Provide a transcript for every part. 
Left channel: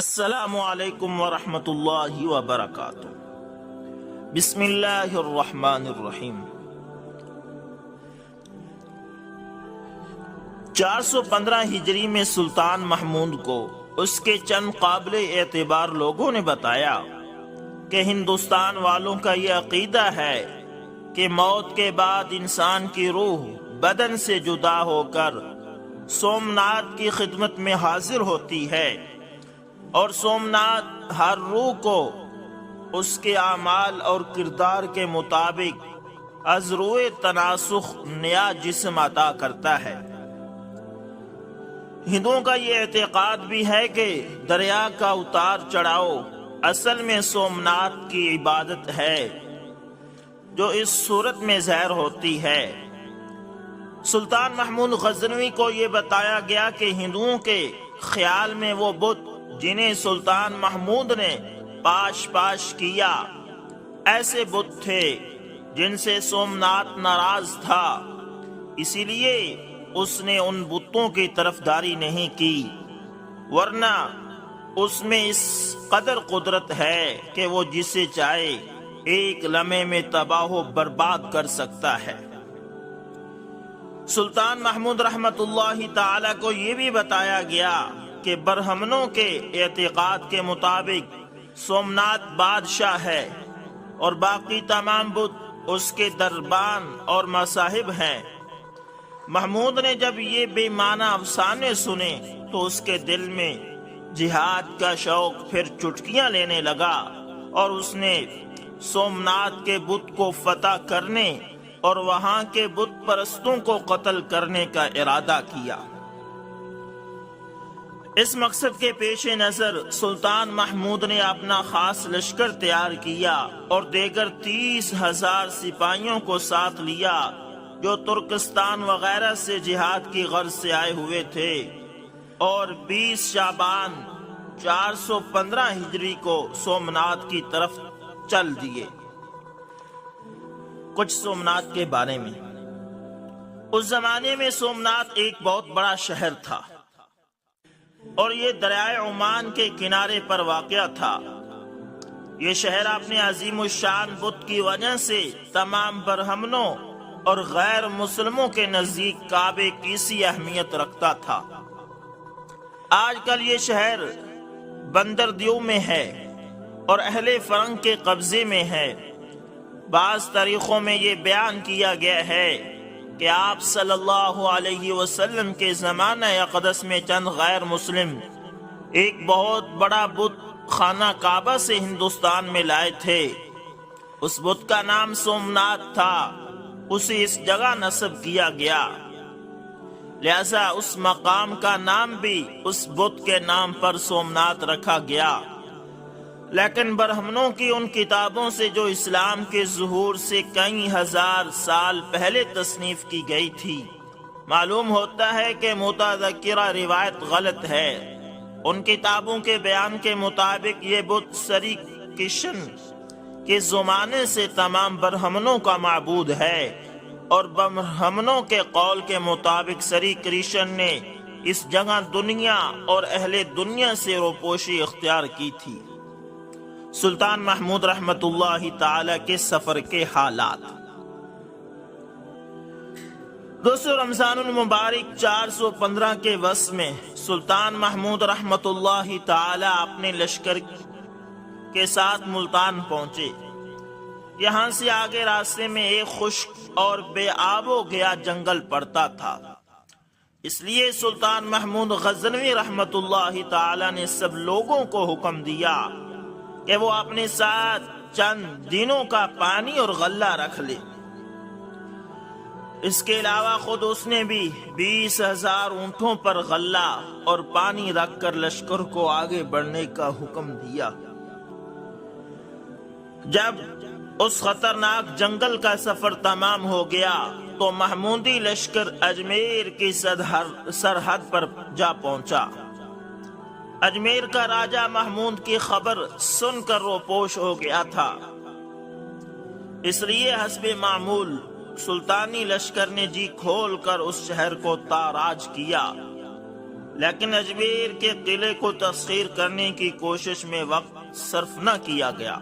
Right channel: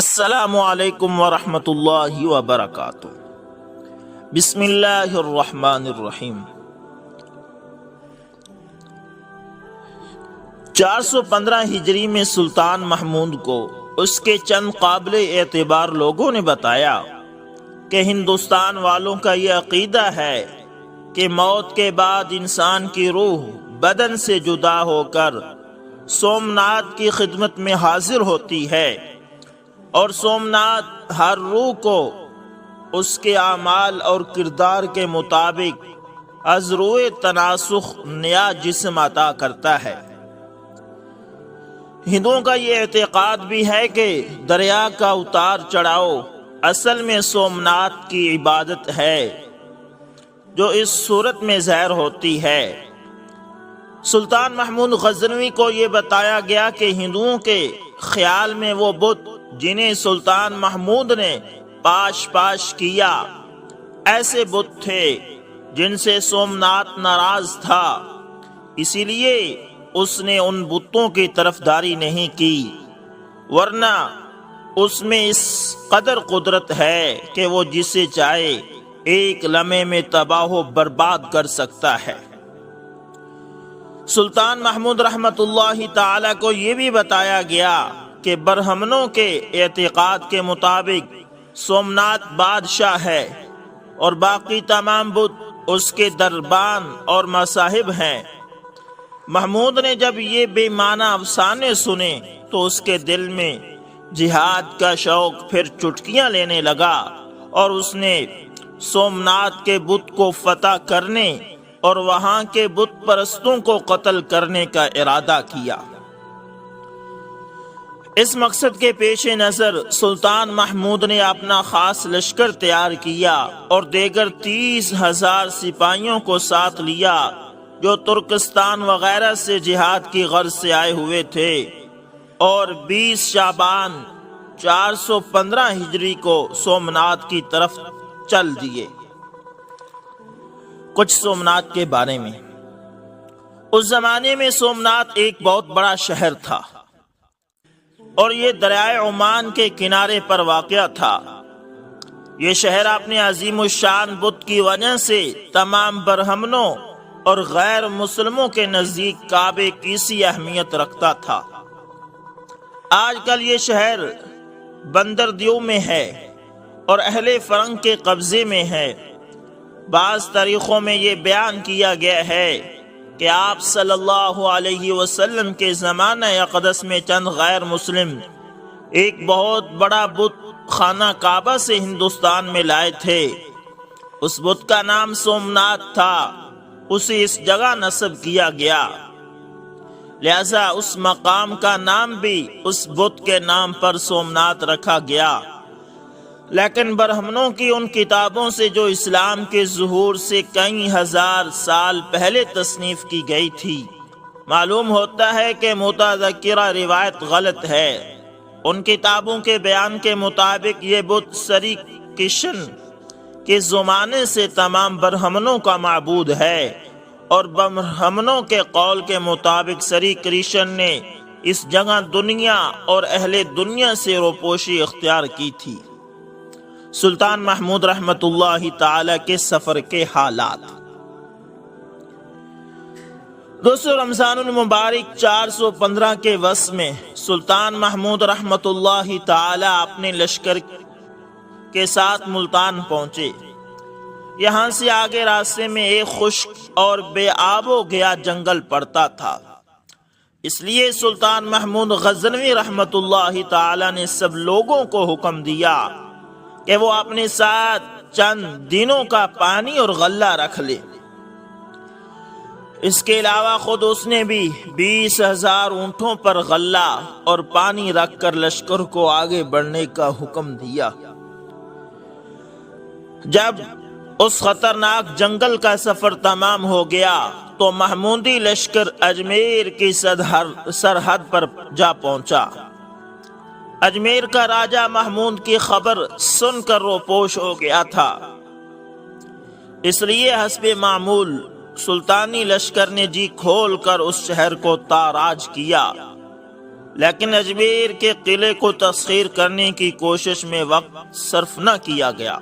السلام علیکم ورحمۃ اللہ وبرکاتہ۔ بسم اللہ الرحمن الرحیم۔ 415 ہجری میں سلطان محمود کو اس کے چند قابل اعتبار لوگوں نے بتایا کہ ہندوستان والوں کا یہ عقیدہ ہے کہ موت کے بعد انسان کی روح بدن سے جدا ہو کر سومناتھ کی خدمت میں حاضر ہوتی ہے، اور سومناتھ ہر روح کو اس کے اعمال اور کردار کے مطابق از روئے تناسخ نیا جسم عطا کرتا ہے۔ ہندوؤں کا یہ اعتقاد بھی ہے کہ دریا کا اتار چڑھاؤ اصل میں سومناتھ کی عبادت ہے جو اس صورت میں ظاہر ہوتی ہے۔ سلطان محمود غزنوی کو یہ بتایا گیا کہ ہندوؤں کے خیال میں وہ بت جنہیں سلطان محمود نے پاش کیا ایسے بت تھے جن سے سومناتھ ناراض تھا، اسی لیے اس نے ان بتوں کی طرفداری نہیں کی، ورنہ اس میں اس قدر قدرت ہے کہ وہ جسے چاہے ایک لمحے میں تباہ و برباد کر سکتا ہے۔ سلطان محمود رحمت اللہ تعالی کو یہ بھی بتایا گیا کہ برہمنوں کے اعتقاد کے مطابق سومناتھ بادشاہ ہے اور باقی تمام بت اس کے دربان اور مصاحب ہیں۔ محمود نے جب یہ بے معنی افسانے سنے تو اس کے دل میں جہاد کا شوق پھر چٹکیاں لینے لگا، اور اس نے سومناتھ کے بت کو فتح کرنے اور وہاں کے بت پرستوں کو قتل کرنے کا ارادہ کیا۔ اس مقصد کے پیش نظر سلطان محمود نے اپنا خاص لشکر تیار کیا اور دیگر 30,000 سپاہیوں کو ساتھ لیا جو ترکستان وغیرہ سے جہاد کی غرض سے آئے ہوئے تھے، اور 20 شعبان 415 ہجری کو سومناتھ کی طرف چل دیے۔ کچھ سومناتھ کے بارے میں۔ اس زمانے میں سومناتھ ایک بہت بڑا شہر تھا اور یہ دریائے عمان کے کنارے پر واقع تھا۔ یہ شہر اپنے عظیم الشان بت کی وجہ سے تمام برہمنوں اور غیر مسلموں کے نزدیک کعبے کی سی اہمیت رکھتا تھا۔ آج کل یہ شہر بندردیو میں ہے اور اہل فرنگ کے قبضے میں ہے۔ بعض تاریخوں میں یہ بیان کیا گیا ہے کہ آپ صلی اللہ علیہ وسلم کے زمانہ اقدس میں چند غیر مسلم ایک بہت بڑا بت خانہ کعبہ سے ہندوستان میں لائے تھے۔ اس بت کا نام سومناتھ تھا، اسے اس جگہ نسب کیا گیا، لہذا اس مقام کا نام بھی اس بت کے نام پر سومناتھ رکھا گیا۔ لیکن برہمنوں کی ان کتابوں سے جو اسلام کے ظہور سے کئی ہزار سال پہلے تصنیف کی گئی تھی، معلوم ہوتا ہے کہ متذکرہ روایت غلط ہے۔ ان کتابوں کے بیان کے مطابق یہ بت سری کشن کے زمانے سے تمام برہمنوں کا معبود ہے، اور برہمنوں کے قول کے مطابق سری کرشن نے اس جگہ دنیا اور اہل دنیا سے روپوشی اختیار کی تھی۔ سلطان محمود رحمت اللہ تعالی کے سفر کے حالات۔ دوستو، رمضان المبارک 415 کے وسط میں سلطان محمود رحمت اللہ تعالی اپنے لشکر کے ساتھ ملتان پہنچے۔ یہاں سے آگے راستے میں ایک خشک اور بے آب و گیا جنگل پڑتا تھا، اس لیے سلطان محمود غزنوی رحمت اللہ تعالی نے سب لوگوں کو حکم دیا کہ وہ اپنے ساتھ چند دنوں کا پانی اور غلہ رکھ لے۔ اس کے علاوہ خود اس نے بھی 20,000 اونٹوں پر غلہ اور پانی رکھ کر لشکر کو آگے بڑھنے کا حکم دیا۔ جب اس خطرناک جنگل کا سفر تمام ہو گیا تو محمودی لشکر اجمیر کی سرحد پر جا پہنچا۔ اجمیر کا راجہ محمود کی خبر سن کر روپوش ہو گیا تھا، اس لیے حسب معمول سلطانی لشکر نے جی کھول کر اس شہر کو تاراج کیا۔ لیکن اجمیر کے قلعے کو تسخیر کرنے کی کوشش میں وقت صرف نہ کیا گیا،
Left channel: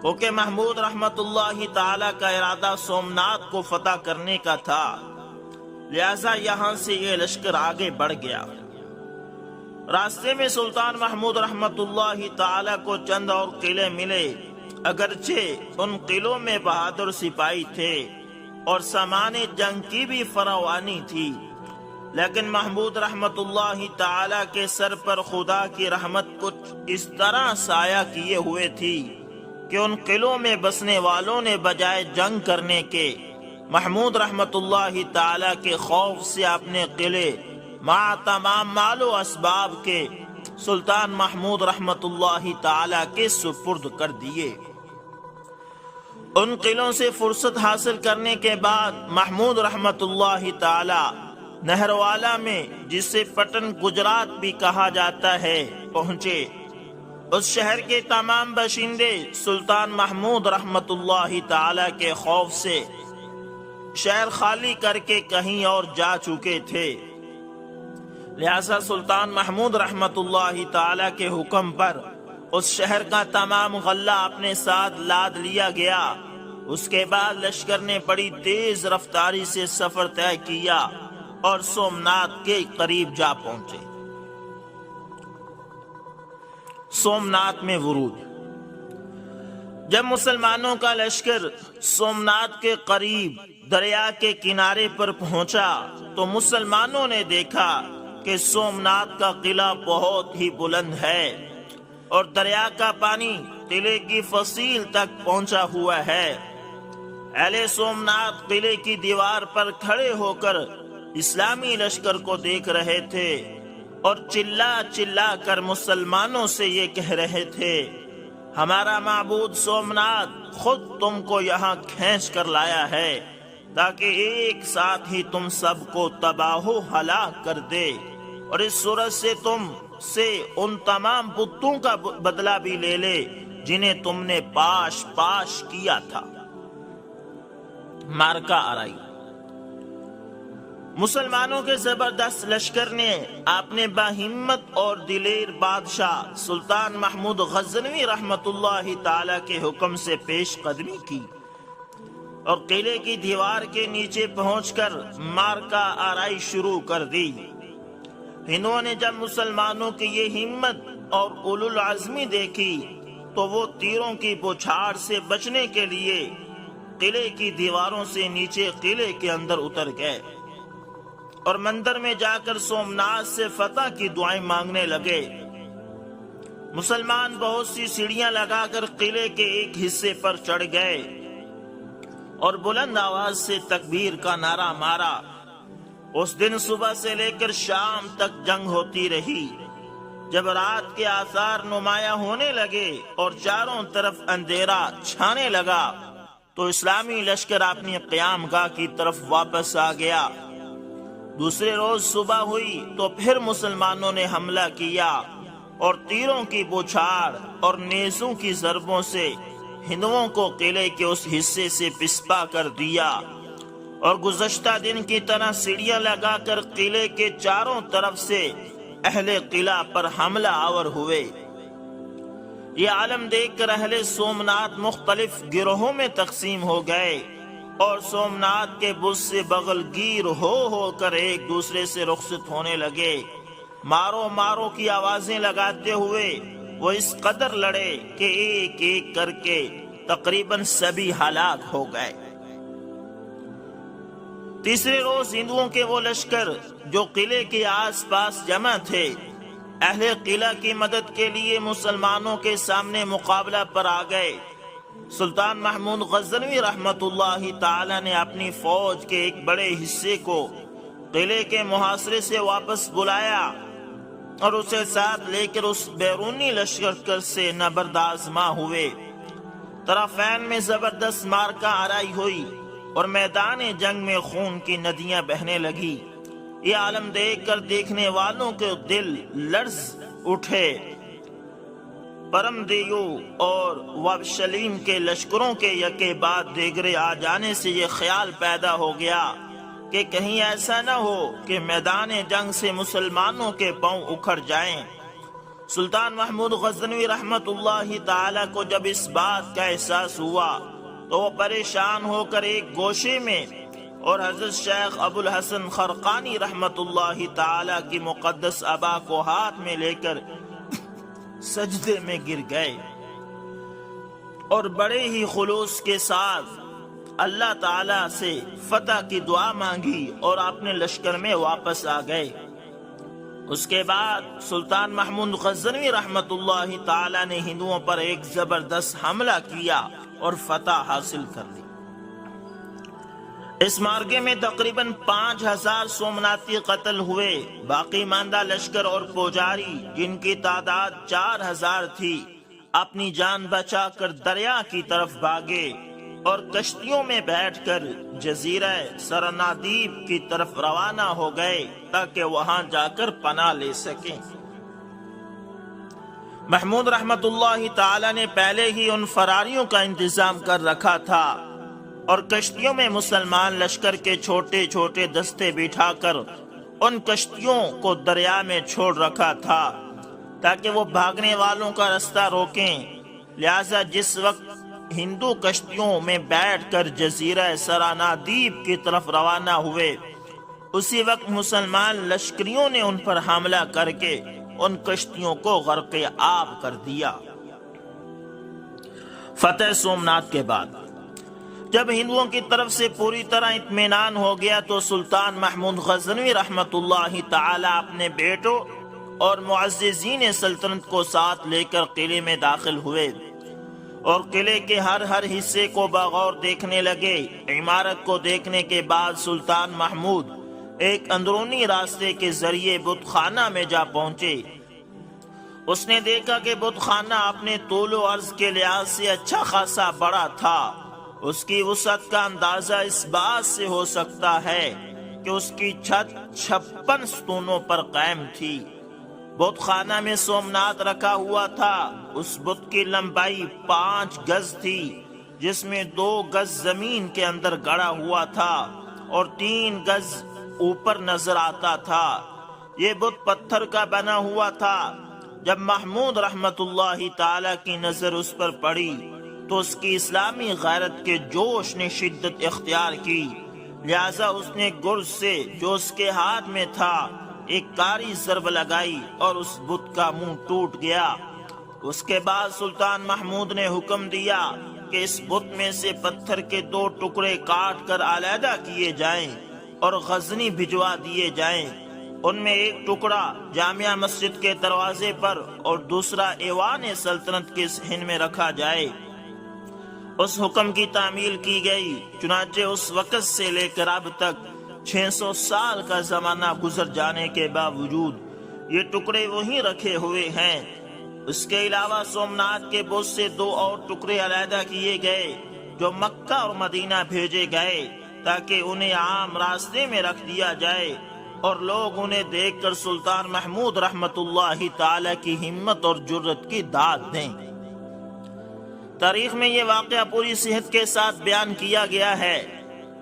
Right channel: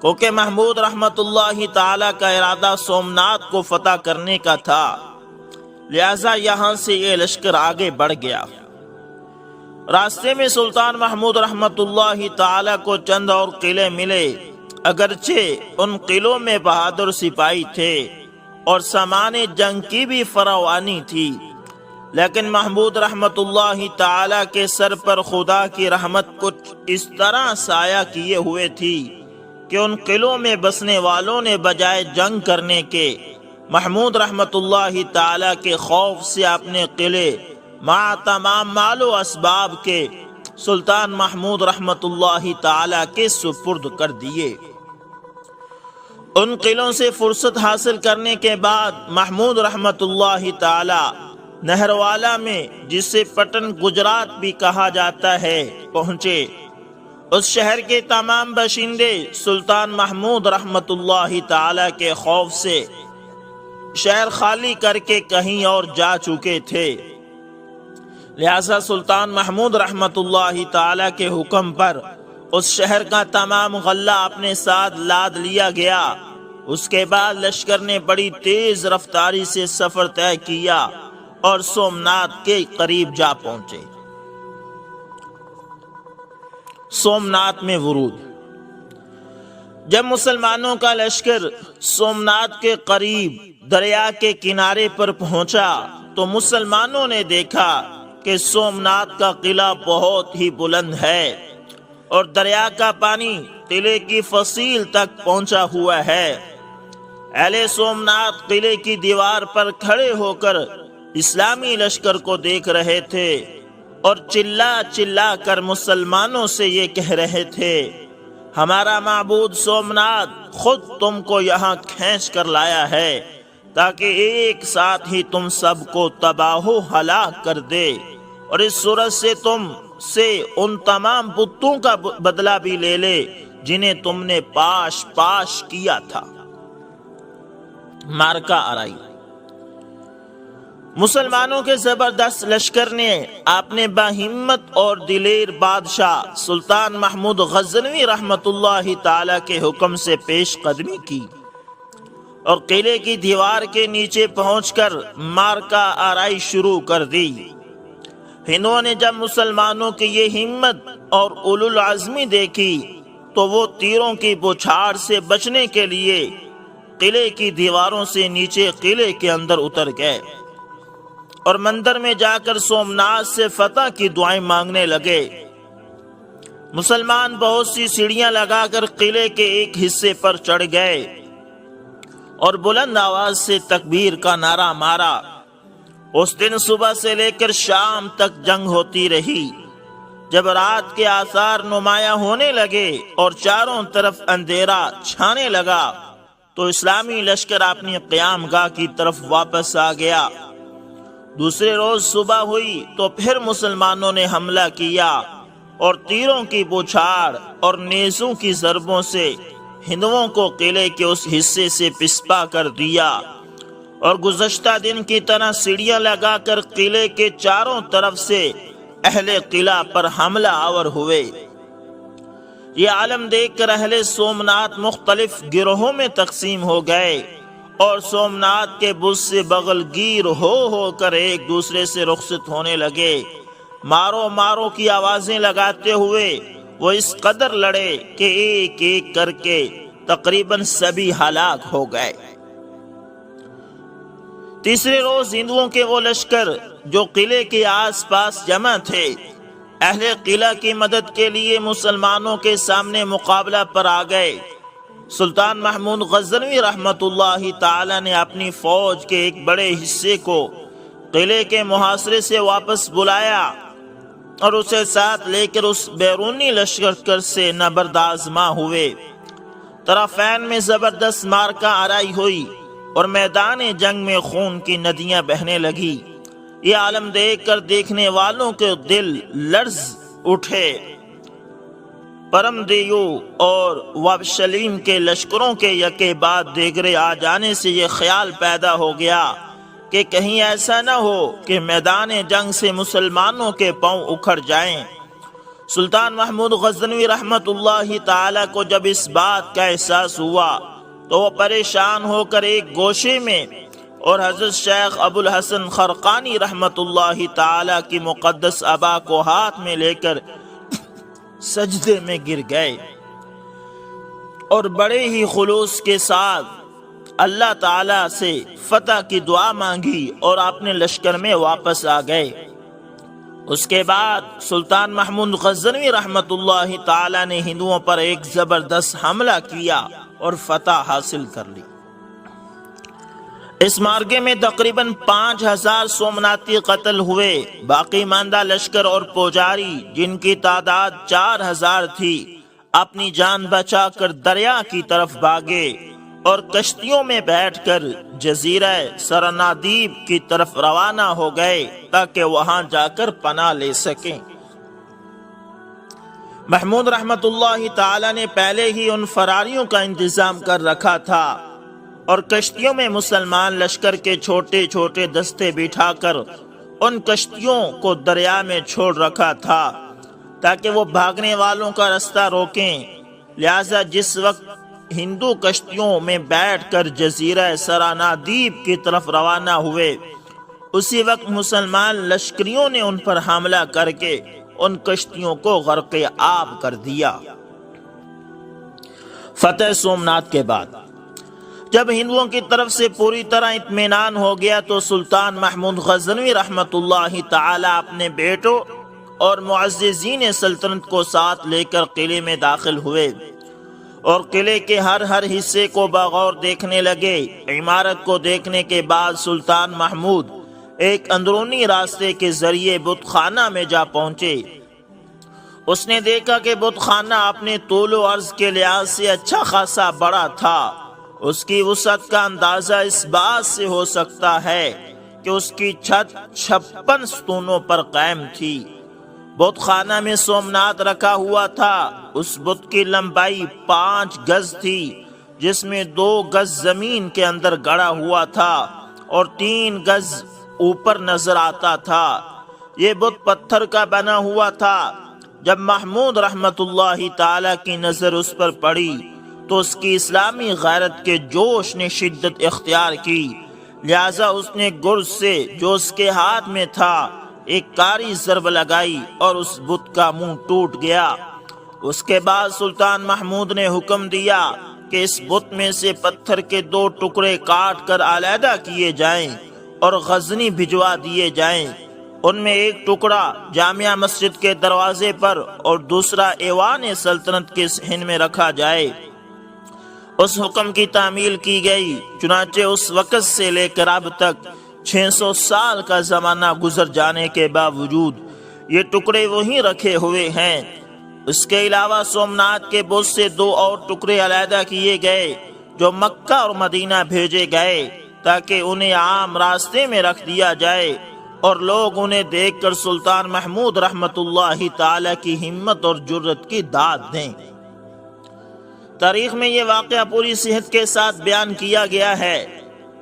کیونکہ محمود رحمت اللہ تعالی کا ارادہ سومناتھ کو فتح کرنے کا تھا، لہذا یہاں سے یہ لشکر آگے بڑھ گیا۔ راستے میں سلطان محمود رحمت اللہ تعالی کو چند اور قلعے ملے، اگرچہ ان قلعوں میں بہادر سپاہی تھے اور سامان جنگ کی بھی فراوانی تھی، لیکن محمود رحمت اللہ تعالی کے سر پر خدا کی رحمت کچھ اس طرح سایہ کیے ہوئے تھی کہ ان قلعوں میں بسنے والوں نے بجائے جنگ کرنے کے محمود رحمت اللہ تعالی کے خوف سے اپنے قلعے مع تمام مال و اسباب کے سلطان محمود رحمت اللہ تعالی کے سپرد کر دیے۔ ان قلعوں سے فرصت حاصل کرنے کے بعد محمود رحمت اللہ تعالی نہروالا میں، جسے پٹن گجرات بھی کہا جاتا ہے، پہنچے۔ اس شہر کے تمام باشندے سلطان محمود رحمت اللہ تعالی کے خوف سے شہر خالی کر کے کہیں اور جا چکے تھے، لہذا سلطان محمود رحمت اللہ تعالی کے حکم پر اس شہر کا تمام غلہ اپنے ساتھ لاد لیا گیا۔ اس کے بعد لشکر نے بڑی تیز رفتاری سے سفر طے کیا اور سومناتھ کے قریب جا پہنچے۔ سومناتھ میں ورود۔ جب مسلمانوں کا لشکر سومناتھ کے قریب دریا کے کنارے پر پہنچا تو مسلمانوں نے دیکھا کہ سومناتھ کا قلعہ بہت ہی بلند ہے اور دریا کا پانی قلعے کی فصیل تک پہنچا ہوا ہے۔ اہل سومناتھ قلعے کی دیوار پر کھڑے ہو کر اسلامی لشکر کو دیکھ رہے تھے اور چلا چلا کر مسلمانوں سے یہ کہہ رہے تھے، ہمارا معبود سومناتھ خود تم کو یہاں کھینچ کر لایا ہے تاکہ ایک ساتھ ہی تم سب کو تباہ و ہلاک کر دے، اور اس صورت سے تم سے ان تمام بتوں کا بدلہ بھی لے لے جنہیں تم نے پاش پاش کیا تھا۔ مارکا آرائی۔ مسلمانوں کے زبردست لشکر نے اپنے باہمت اور دلیر بادشاہ سلطان محمود غزنوی رحمت اللہ تعالی کے حکم سے پیش قدمی کی اور قلعے کی دیوار کے نیچے پہنچ کر مارکا آرائی شروع کر دی۔ ہندوؤں نے جب مسلمانوں کی یہ ہمت اور اولو العزمی دیکھی تو وہ تیروں کی بوچھاڑ سے بچنے کے لیے قلعے کی دیواروں سے نیچے قلعے کے اندر اتر گئے اور مندر میں جا کر سومناتھ سے فتح کی دعائیں مانگنے لگے۔ مسلمان بہت سی سیڑھیاں لگا کر قلعے کے ایک حصے پر چڑھ گئے اور بلند آواز سے تکبیر کا نعرہ مارا۔ اس دن صبح سے لے کر شام تک جنگ ہوتی رہی۔ جب رات کے آثار نمایاں ہونے لگے اور چاروں طرف اندھیرا چھانے لگا تو اسلامی لشکر اپنی قیام گاہ کی طرف واپس آ گیا۔ دوسرے روز صبح ہوئی تو پھر مسلمانوں نے حملہ کیا اور تیروں کی بوچھاڑ اور نیزوں کی ضربوں سے ہندوؤں کو قلعے کے اس حصے سے پسپا کر دیا اور گزشتہ دن کی طرح سیڑھیاں لگا کر قلعے کے چاروں طرف سے اہل قلعہ پر حملہ آور ہوئے۔ یہ عالم دیکھ کر اہل سومناتھ مختلف گروہوں میں تقسیم ہو گئے اور سومناتھ کے بت سے بغل گیر ہو کر ایک دوسرے سے رخصت ہونے لگے۔ مارو مارو کی آوازیں لگاتے ہوئے وہ اس قدر لڑے کہ ایک ایک کر کے تقریباً سبھی ہلاک ہو گئے۔ تیسرے روز ہندوؤں کے وہ لشکر جو قلعے کے آس پاس جمع تھے اہل قلعہ کی مدد کے لیے مسلمانوں کے سامنے مقابلہ پر آ گئے۔ سلطان محمود غزنوی رحمت اللہ تعالی نے اپنی فوج کے ایک بڑے حصے کو قلعے کے محاصرے سے واپس بلایا اور اسے ساتھ لے کر اس بیرونی لشکر سے نبرد آزما ہوئے۔ طرفین میں زبردست مارکا آرائی ہوئی اور میدان جنگ میں خون کی ندیاں بہنے لگی۔ یہ عالم دیکھ کر دیکھنے والوں کے دل لرز اٹھے۔ پرم دیو اور وابشلیم کے لشکروں کے یکے بعد دیگرے آ جانے سے یہ خیال پیدا ہو گیا کہ کہیں ایسا نہ ہو کہ میدان جنگ سے مسلمانوں کے پاؤں اکھڑ جائیں۔ سلطان محمود غزنوی رحمت اللہ تعالی کو جب اس بات کا احساس ہوا تو وہ پریشان ہو کر ایک گوشے میں اور حضرت شیخ ابو الحسن خرقانی رحمت اللہ تعالی کی مقدس ابا کو ہاتھ میں لے کر سجدے میں گر گئے اور بڑے ہی خلوص کے ساتھ اللہ تعالی سے فتح کی دعا مانگی اور اپنے لشکر میں واپس آ گئے۔ اس کے بعد سلطان محمود غزنوی رحمت اللہ تعالی نے ہندوؤں پر ایک زبردست حملہ کیا اور فتح حاصل کر لی۔ اس معرکے میں تقریباً 5000 سومناتی قتل ہوئے۔ باقی ماندہ لشکر اور پوجاری جن کی تعداد 4000 تھی اپنی جان بچا کر دریا کی طرف بھاگے اور کشتیوں میں بیٹھ کر جزیرہ سرنادیب کی طرف روانہ ہو گئے تاکہ وہاں جا کر پناہ لے سکیں۔ محمود رحمت اللہ تعالی نے پہلے ہی ان فراریوں کا انتظام کر رکھا تھا اور کشتیوں میں مسلمان لشکر کے چھوٹے چھوٹے دستے بٹھا کر ان کشتیوں کو دریا میں چھوڑ رکھا تھا تاکہ وہ بھاگنے والوں کا رستہ روکیں۔ لہذا جس وقت ہندو کشتیوں میں بیٹھ کر جزیرہ سرانادیب کی طرف روانہ ہوئے اسی وقت مسلمان لشکریوں نے ان پر حملہ کر کے ان کشتیوں کو غرق آب کر دیا۔ فتح سومنات کے بعد جب ہندوؤں کی طرف سے پوری طرح اطمینان ہو گیا تو سلطان محمود غزنوی رحمت اللہ تعالی اپنے بیٹوں اور معززین سلطنت کو ساتھ لے کر قلعے میں داخل ہوئے اور قلعے کے ہر حصے کو بغور دیکھنے لگے۔ عمارت کو دیکھنے کے بعد سلطان محمود ایک اندرونی راستے کے ذریعے بت خانہ میں جا پہنچے۔ اس نے دیکھا کہ بت خانہ اپنے طول و عرض کے لحاظ سے اچھا خاصا بڑا تھا۔ اس کی وسعت کا اندازہ اس بات سے ہو سکتا ہے کہ اس کی چھت 56 ستونوں پر قائم تھی۔ بت خانہ میں سومنات رکھا ہوا تھا۔ اس بت کی لمبائی 5 گز تھی جس میں 2 گز زمین کے اندر گڑا ہوا تھا اور 3 گز اوپر نظر آتا تھا۔ یہ بت پتھر کا بنا ہوا تھا۔ جب محمود رحمت اللہ تعالی کی نظر اس پر پڑی تو اس کی اسلامی غیرت کے جوش نے شدت اختیار کی، لہذا اس نے گرز سے جو اس کے ہاتھ میں تھا ایک کاری ضرب لگائی اور اس بت کا منہ ٹوٹ گیا۔ اس کے بعد سلطان محمود نے حکم دیا کہ اس بت میں سے پتھر کے 2 ٹکڑے کاٹ کر علیحدہ کیے جائیں اور غزنی بھجوا دیے جائیں۔ ان میں ایک ٹکڑا جامع مسجد کے دروازے پر اور دوسرا ایوان سلطنت کے صحن میں رکھا جائے۔ اس حکم کی تعمیل کی گئی۔ چنانچہ اس وقت سے لے کر اب تک 600 سال کا زمانہ گزر جانے کے باوجود یہ ٹکڑے وہیں رکھے ہوئے ہیں۔ اس کے علاوہ سومنات کے بت سے 2 اور ٹکڑے علیحدہ کیے گئے جو مکہ اور مدینہ بھیجے گئے تاکہ انہیں عام راستے میں رکھ دیا جائے اور لوگ انہیں دیکھ کر سلطان محمود رحمت اللہ تعالی کی ہمت اور جرت کی داد دیں۔ تاریخ میں یہ واقعہ پوری صحت کے ساتھ بیان کیا گیا ہے۔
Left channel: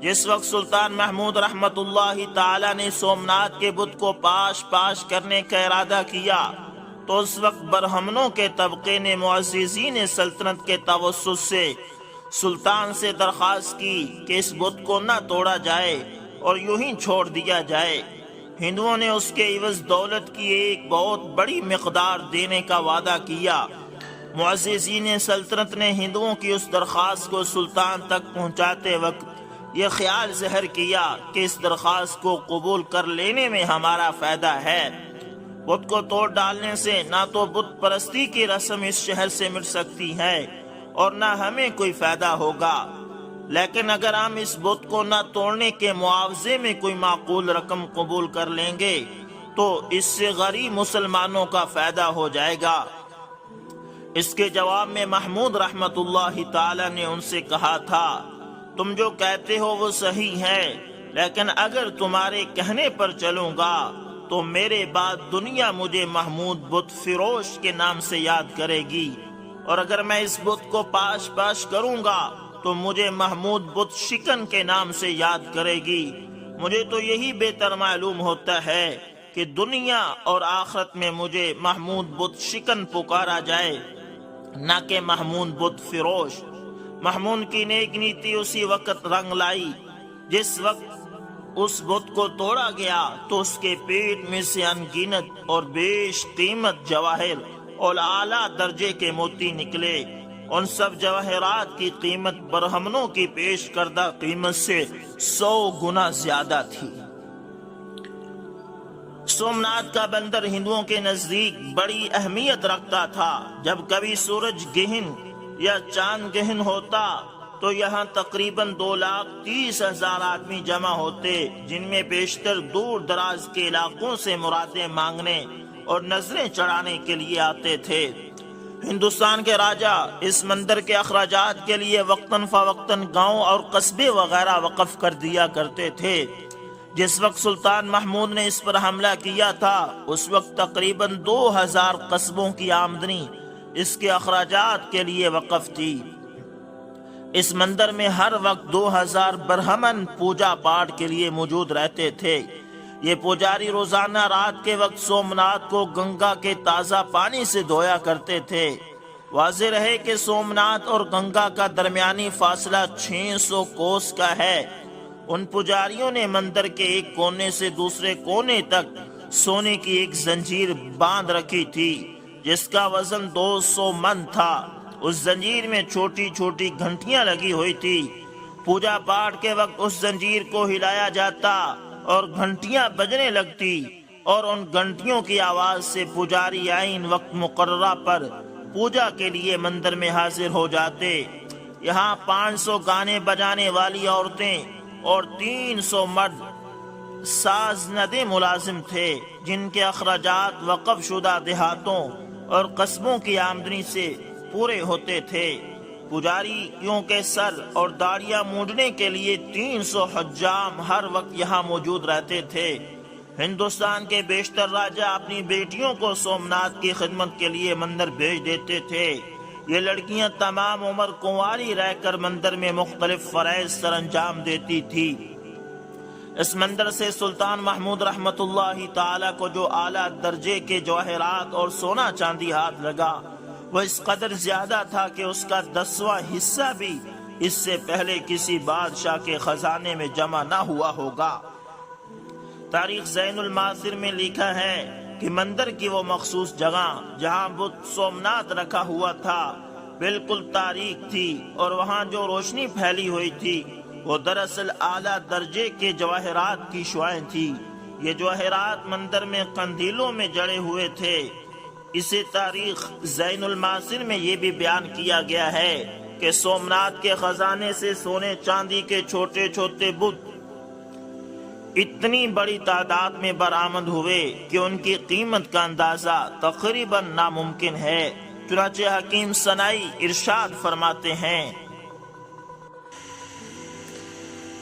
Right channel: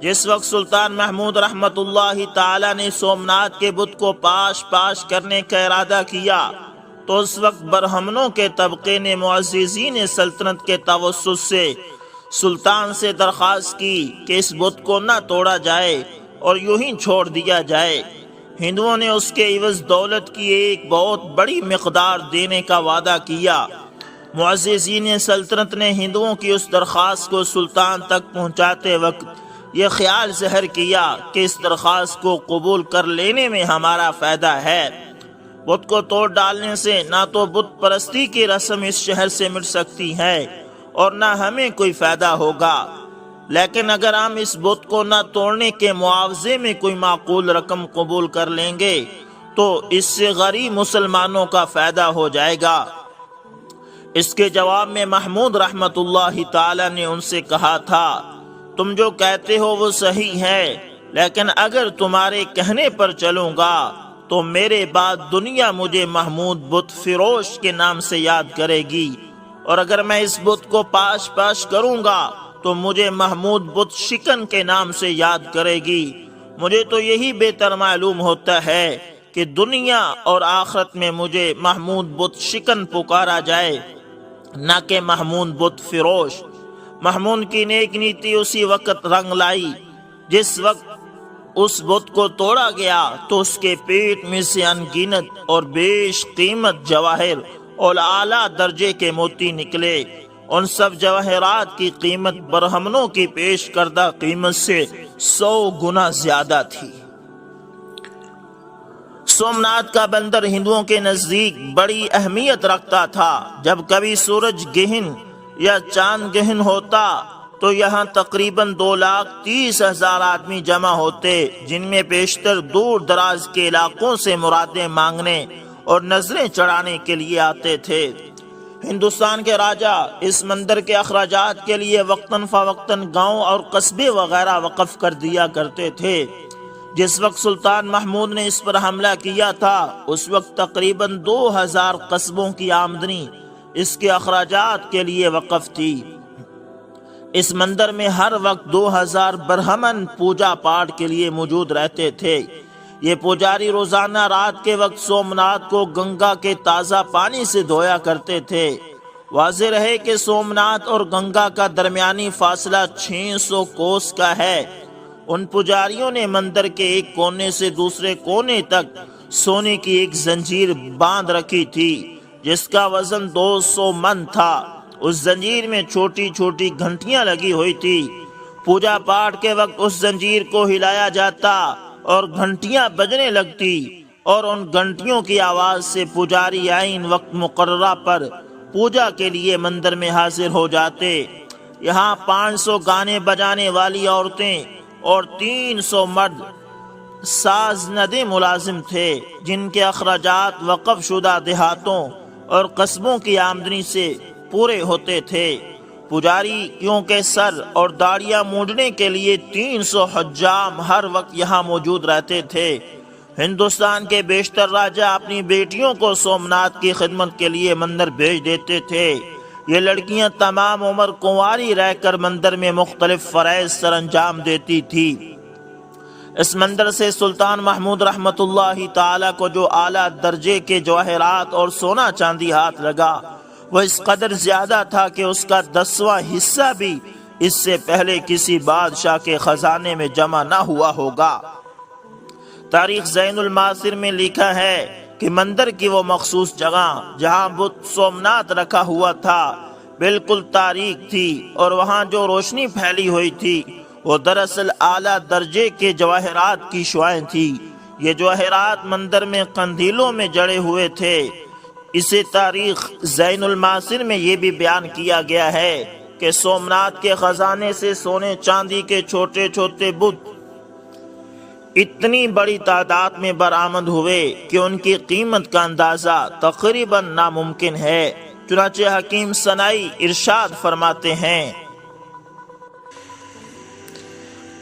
جس وقت سلطان محمود رحمت اللہ تعالی نے سومنات کے بت کو پاش کرنے کا ارادہ کیا تو اس وقت برہمنوں کے طبقے نے معززین سلطنت کے توسط سے سلطان سے درخواست کی کہ اس بت کو نہ توڑا جائے اور یوں ہی چھوڑ دیا جائے۔ ہندوؤں نے اس کے عوض دولت کی ایک بہت بڑی مقدار دینے کا وعدہ کیا۔ معززین سلطنت نے ہندوؤں کی اس درخواست کو سلطان تک پہنچاتے وقت یہ خیال ظاہر کیا کہ اس درخواست کو قبول کر لینے میں ہمارا فائدہ ہے۔ بت کو توڑ ڈالنے سے نہ تو بت پرستی کی رسم اس شہر سے مٹ سکتی ہے اور نہ ہمیں کوئی فائدہ ہوگا، لیکن اگر ہم اس بت کو نہ توڑنے کے معاوضے میں کوئی معقول رقم قبول کر لیں گے تو اس سے غریب مسلمانوں کا فائدہ ہو جائے گا۔ اس کے جواب میں محمود رحمت اللہ تعالی نے ان سے کہا تھا، تم جو کہتے ہو وہ صحیح ہے، لیکن اگر تمہارے کہنے پر چلوں گا تو میرے بعد دنیا مجھے محمود بت فروش کے نام سے یاد کرے گی، اور اگر میں اس بت کو پاش کروں گا تو مجھے محمود بت شکن کے نام سے یاد کرے گی، مجھے تو یہی بہتر معلوم ہوتا ہے کہ دنیا اور آخرت میں مجھے محمود بت شکن پکارا جائے، نہ کہ محمود بت فروش۔ محمود کی نیک نیتی اسی وقت رنگ لائی جس وقت اس بت کو توڑا گیا تو اس کے پیٹ میں سے ان گنت اور بیش قیمت جواہر اور اعلیٰ درجے کے موتی نکلے۔ ان سب جواہرات کی قیمت برہمنوں کی پیش کردہ قیمت سے 100 گنا زیادہ تھی۔ سومناتھ کا بندر ہندوؤں کے نزدیک بڑی اہمیت رکھتا تھا۔ جب کبھی سورج گہن یا چاند گہن ہوتا تو یہاں تقریباً 2,30,000 آدمی جمع ہوتے، جن میں بیشتر دور دراز کے علاقوں سے مرادیں مانگنے اور نظریں چڑھانے کے لیے آتے تھے۔ ہندوستان کے راجہ اس مندر کے اخراجات کے لیے وقتاً فوقتاً گاؤں اور قصبے وغیرہ وقف کر دیا کرتے تھے۔ جس وقت سلطان محمود نے اس پر حملہ کیا تھا اس وقت تقریباً 2,000 قصبوں کی آمدنی اس کے اخراجات کے لیے وقف تھی۔ اس مندر میں ہر وقت 2,000 برہمن پوجا پاٹ کے لیے موجود رہتے تھے۔ یہ پجاری روزانہ رات کے وقت سومناتھ کو گنگا کے تازہ پانی سے دھویا کرتے تھے۔ واضح رہے کہ سومناتھ اور گنگا کا درمیانی فاصلہ 600 کوس کا ہے۔ ان پجاریوں نے مندر کے ایک کونے سے دوسرے کونے تک سونے کی ایک زنجیر باندھ رکھی تھی جس کا وزن 200 من تھا۔ اس زنجیر میں چھوٹی چھوٹی گھنٹیاں لگی ہوئی تھی۔ پوجا پاٹ کے وقت اس زنجیر کو ہلایا جاتا اور گھنٹیاں بجنے لگتی اور ان گھنٹیوں کی آواز سے پجاری عین وقت مقررہ پر پوجا کے لیے مندر میں حاضر ہو جاتے۔ یہاں 500 گانے بجانے والی عورتیں اور 300 مرد ساز ندے ملازم تھے جن کے اخراجات وقف شدہ دیہاتوں اور قصبوں کی آمدنی سے پورے ہوتے تھے۔ پجاریوں کے سر اور داڑیاں مونڈنے کے لیے 300 حجام ہر وقت یہاں موجود رہتے تھے۔ ہندوستان کے بیشتر راجہ اپنی بیٹیوں کو سومناتھ کی خدمت کے لیے مندر بھیج دیتے تھے۔ یہ لڑکیاں تمام عمر کنواری رہ کر مندر میں مختلف فرائض سر انجام دیتی تھی۔ اس مندر سے سلطان محمود رحمت اللہ تعالی کو جو اعلیٰ درجے کے جواہرات اور سونا چاندی ہاتھ لگا وہ اس قدر زیادہ تھا کہ اس کا 10واں حصہ بھی اس سے پہلے کسی بادشاہ کے خزانے میں جمع نہ ہوا ہوگا۔ تاریخ زین المعاصر میں لکھا ہے کہ مندر کی وہ مخصوص جگہ جہاں بت سومناتھ رکھا ہوا تھا بالکل تاریک تھی اور وہاں جو روشنی پھیلی ہوئی تھی وہ دراصل اعلیٰ درجے کے جواہرات کی شعاعیں تھی۔ یہ جواہرات مندر میں قندیلوں میں جڑے ہوئے تھے۔ اسے تاریخ زین المعاصر میں یہ بھی بیان کیا گیا ہے کہ سومناتھ کے خزانے سے سونے چاندی کے چھوٹے چھوٹے بت اتنی بڑی تعداد میں برآمد ہوئے کہ ان کی قیمت کا اندازہ تقریباً ناممکن ہے۔ چنانچہ حکیم سنائی ارشاد فرماتے ہیں،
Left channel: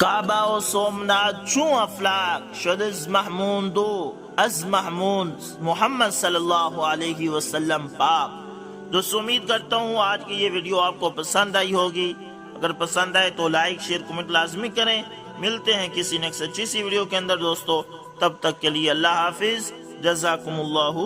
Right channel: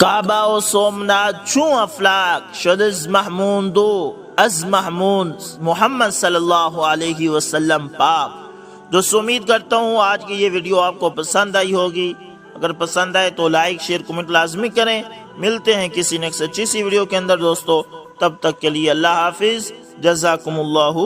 کعبہ و سومناتھ چون افلاک شد از محمود و از محمود محمد صلی اللہ علیہ وسلم پاک۔ دوستو امید کرتا ہوں آج کی یہ ویڈیو آپ کو پسند آئی ہوگی۔ اگر پسند آئے تو لائک شیئر کمنٹ لازمی کریں۔ ملتے ہیں کسی نیکسٹ اچھی سی ویڈیو کے اندر دوستو، تب تک کے لیے اللہ حافظ، جزاکم اللہ